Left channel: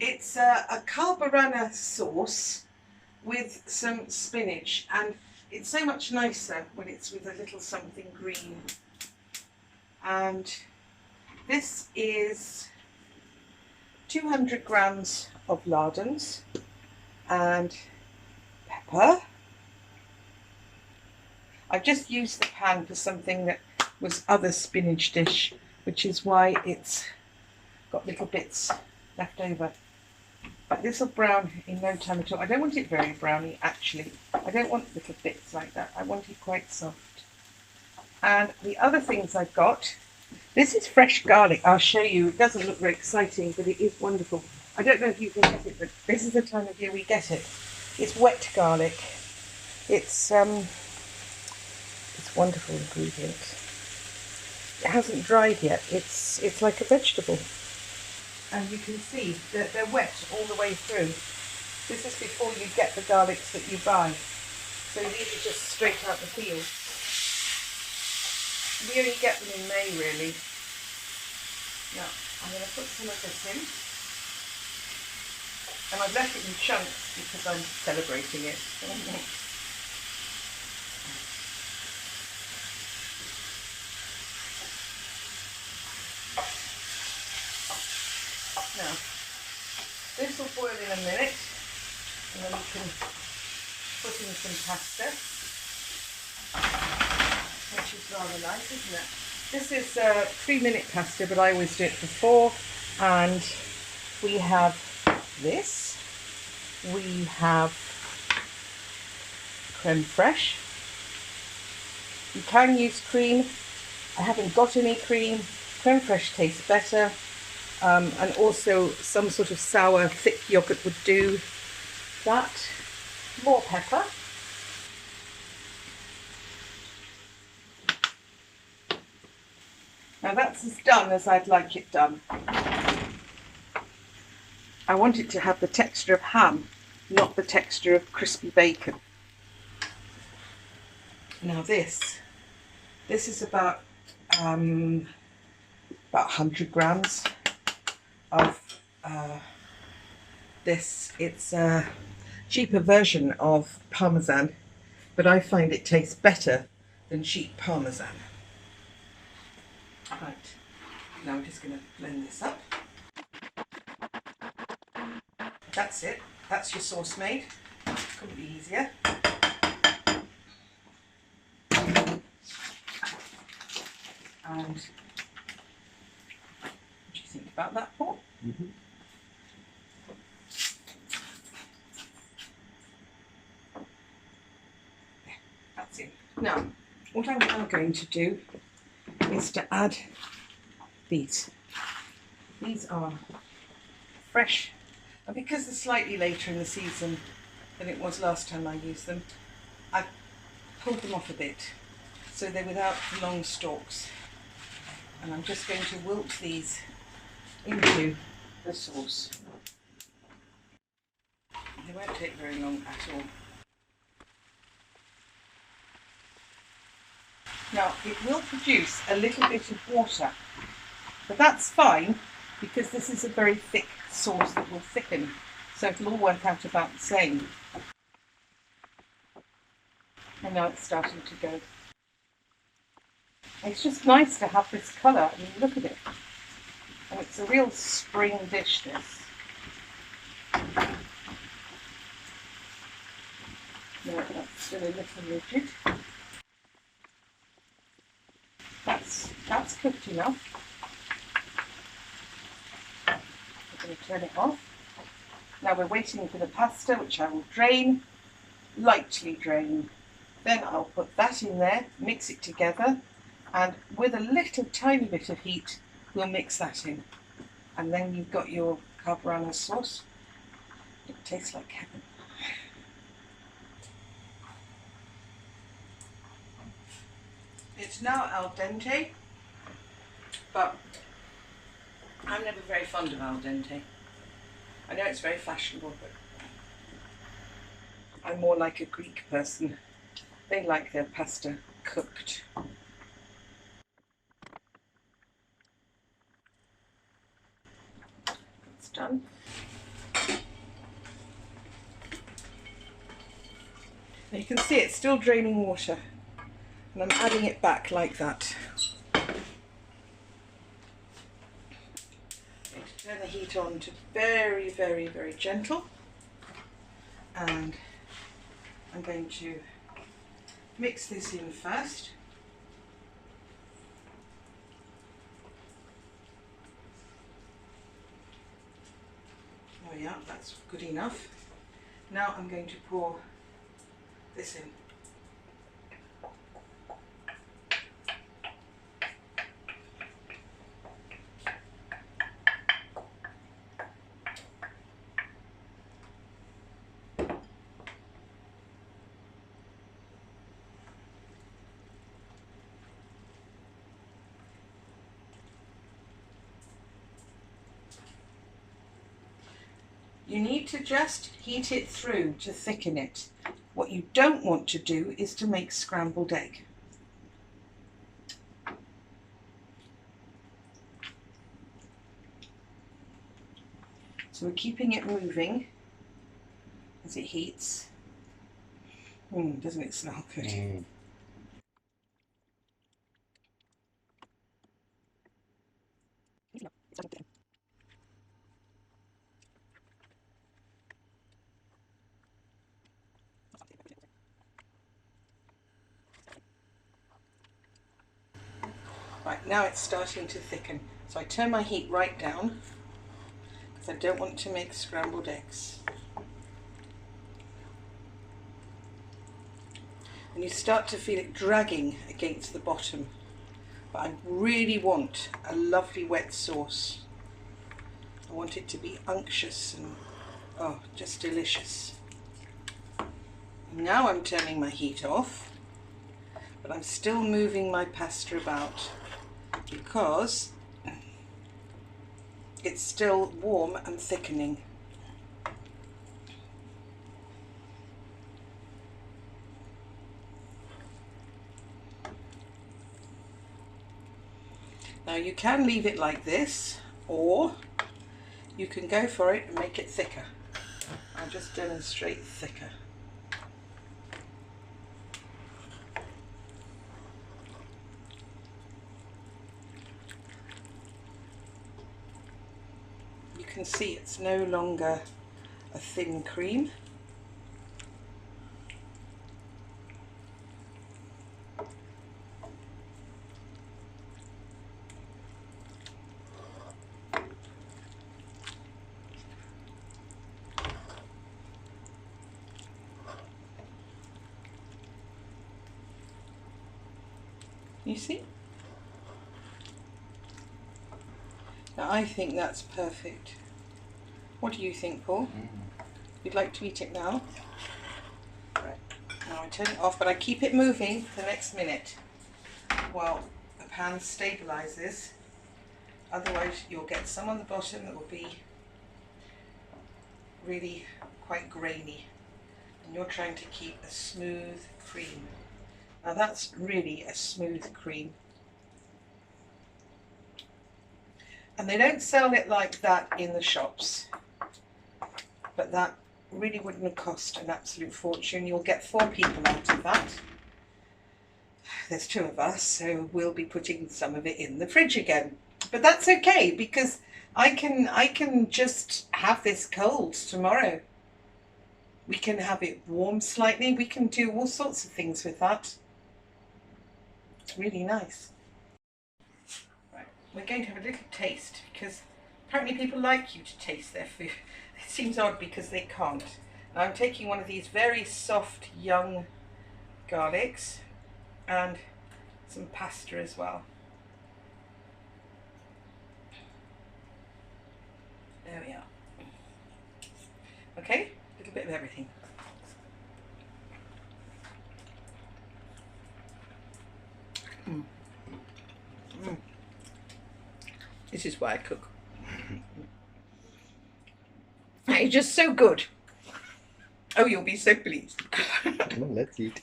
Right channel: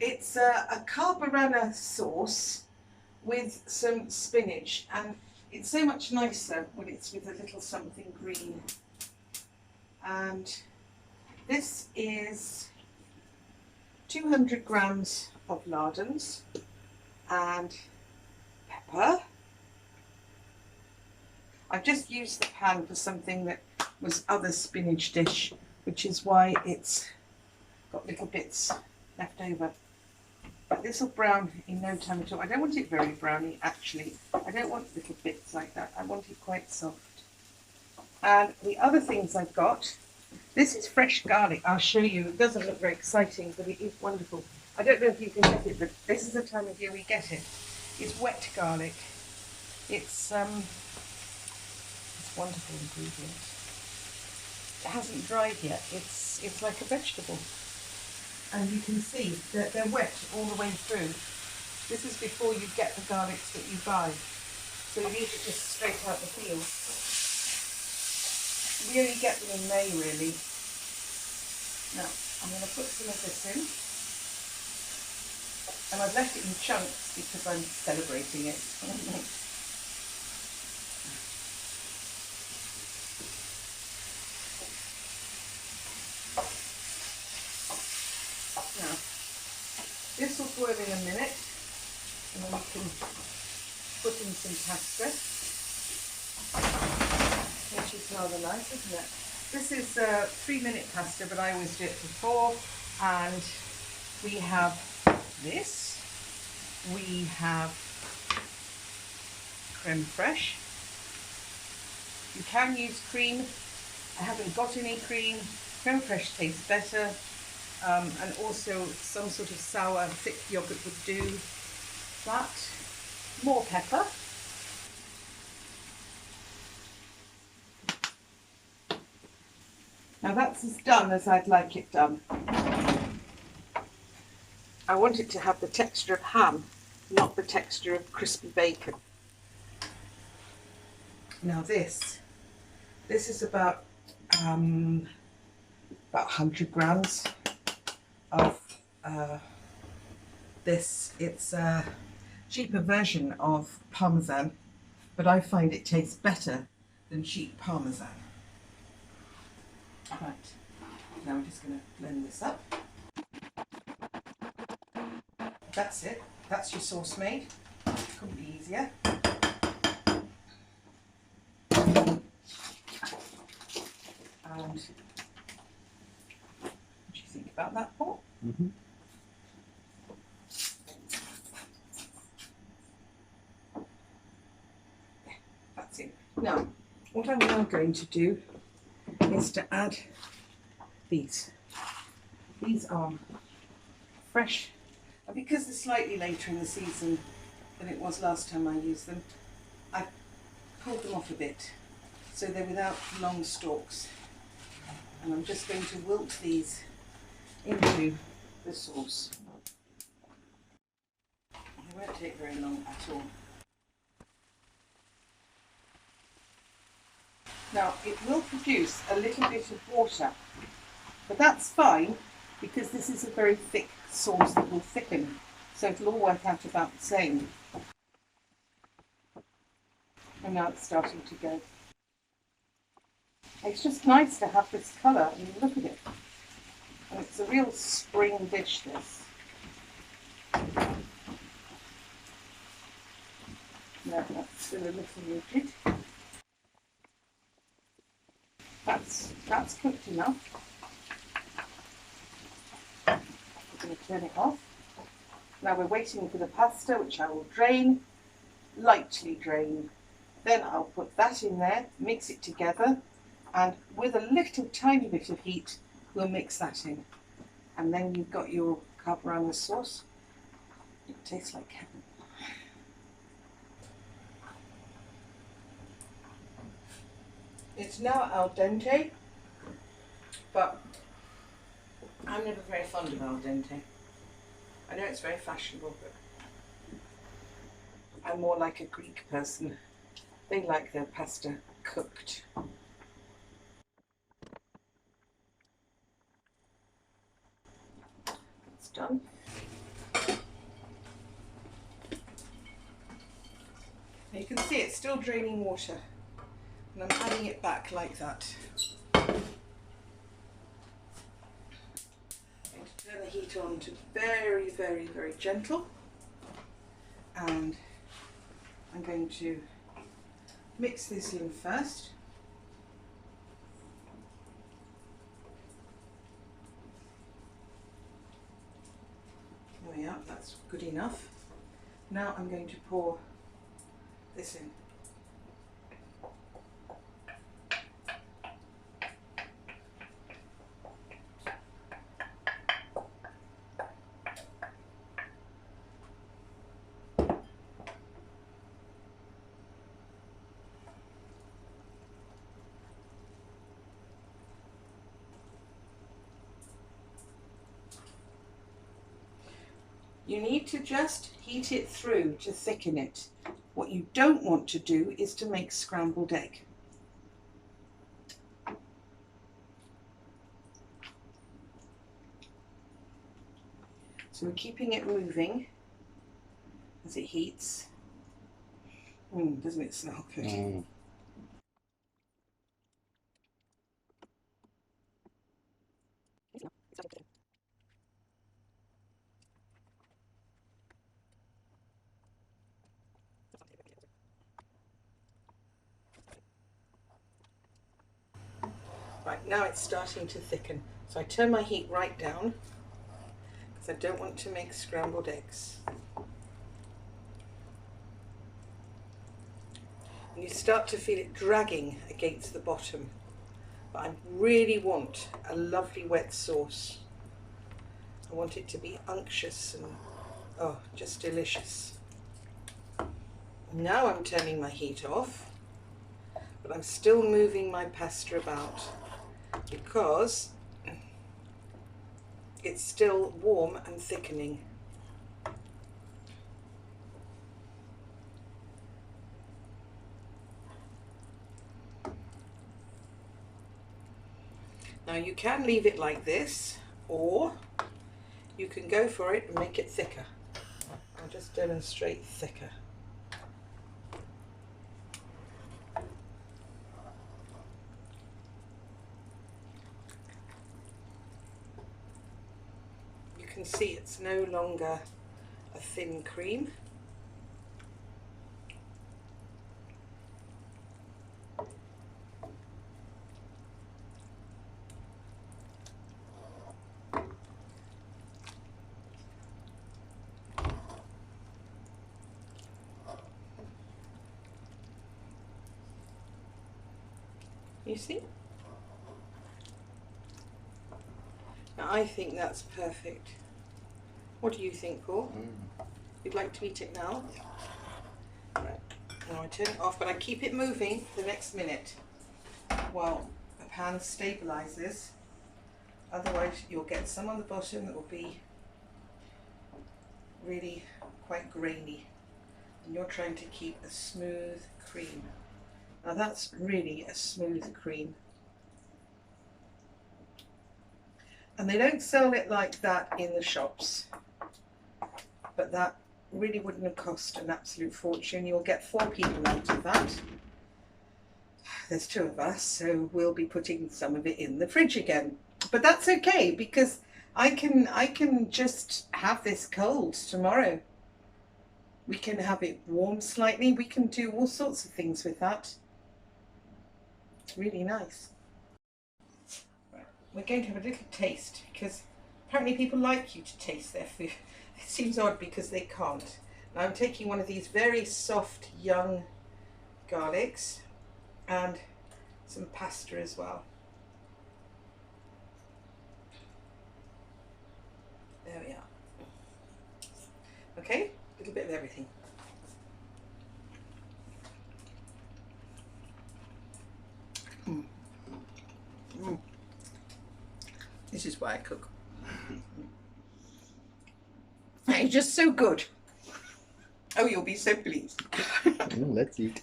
It's a carbonara sauce with some spinach, and it's so much nicer when it's with a little something green. And this is 200 grams of lardons and pepper. I've just used the pan for something that was other spinach dish, which is why it's got little bits left over. But this will brown in no time at all. I don't want it very browny, actually. I don't want little bits like that. I want it quite soft. And the other things I've got, this is fresh garlic. I'll show you. It doesn't look very exciting, but it is wonderful. I don't know if you can get it, but this is the time of year we get it. It's wet garlic. It's wonderful ingredient. It hasn't dried yet. It's like a vegetable. And you can see that they're wet all the way through. This is before you get the garlics that you buy. So these are just straight out the field. We only get them in May, really. Now, I'm going to put some of this in. And I've left it in chunks because I'm celebrating it. Now, this will boil in a minute, and then we can put in some pasta, which is rather nice, isn't it? This is 3-minute pasta, but I always do it for 4. And we have this. We have creme fraiche. You can use cream. I haven't got any cream. Creme fraiche tastes better. And also some sort of sour, thick yogurt would do that. More pepper. Now that's as done as I'd like it done. I want it to have the texture of ham, not the texture of crispy bacon. Now this is about 100 grams of this. It's a cheaper version of Parmesan, but I find it tastes better than cheap Parmesan. Right, now I'm just going to blend this up. That's it. That's your sauce made. Couldn't be easier. And what do you think about that, Paul? Mm-hmm. That's it. Now, what I'm now going to do is to add these. These are fresh, and because they're slightly later in the season than it was last time I used them, I've pulled them off a bit, so they're without the long stalks. And I'm just going to wilt these into the sauce. They won't take very long at all. Now, it will produce a little bit of water, but that's fine because this is a very thick sauce that will thicken, so it'll all work out about the same. And now it's starting to go. It's just nice to have this colour. I mean, look at it. And it's a real spring dish, this. No, that's still a little rigid. That's cooked enough. We're going to turn it off. Now we're waiting for the pasta, which I will drain, lightly drain. Then I'll put that in there, mix it together, and with a little tiny bit of heat, we'll mix that in. And then you've got your carbonara sauce. It tastes like heaven. It's now al dente, but I'm never very fond of al dente. I know it's very fashionable, but I'm more like a Greek person. They like their pasta cooked. Let's almost done. Now you can see it's still draining water, and I'm adding it back like that. Turn the heat on to very, very, very gentle, and I'm going to mix this in first. There we are, that's good enough. Now I'm going to pour this in. You need to just heat it through to thicken it. What you don't want to do is to make scrambled egg. So we're keeping it moving as it heats. Doesn't it smell good? Right, now it's starting to thicken. So I turn my heat right down because I don't want to make scrambled eggs. And you start to feel it dragging against the bottom. But I really want a lovely wet sauce. I want it to be unctuous and just delicious. Now I'm turning my heat off, but I'm still moving my pasta about because it's still warm and thickening. Now you can leave it like this, or you can go for it and make it thicker. I'll just demonstrate thicker. You can see it's no longer a thin cream. You see? Now I think that's perfect. What do you think, Paul? You'd like to eat it now? Right. Now I turn it off, but I keep it moving for the next minute while the pan stabilizes. Otherwise you'll get some on the bottom that will be really quite grainy, and you're trying to keep a smooth cream. Now that's really a smooth cream. And they don't sell it like that in the shops. But that really wouldn't have cost an absolute fortune. You'll get 4 people out of that. There's 2 of us, so we'll be putting some of it in the fridge again. But that's okay, because I can just have this cold tomorrow. We can have it warm slightly. We can do all sorts of things with that. It's really nice. Right, we're going to have a little taste, because apparently people like you to taste their food. It seems odd because they can't. Now I'm taking one of these very soft young garlics and some pasta as well. There we are. Okay, a little bit of everything. This is why I cook. It's just so good. Oh, you'll be so pleased. Let's eat.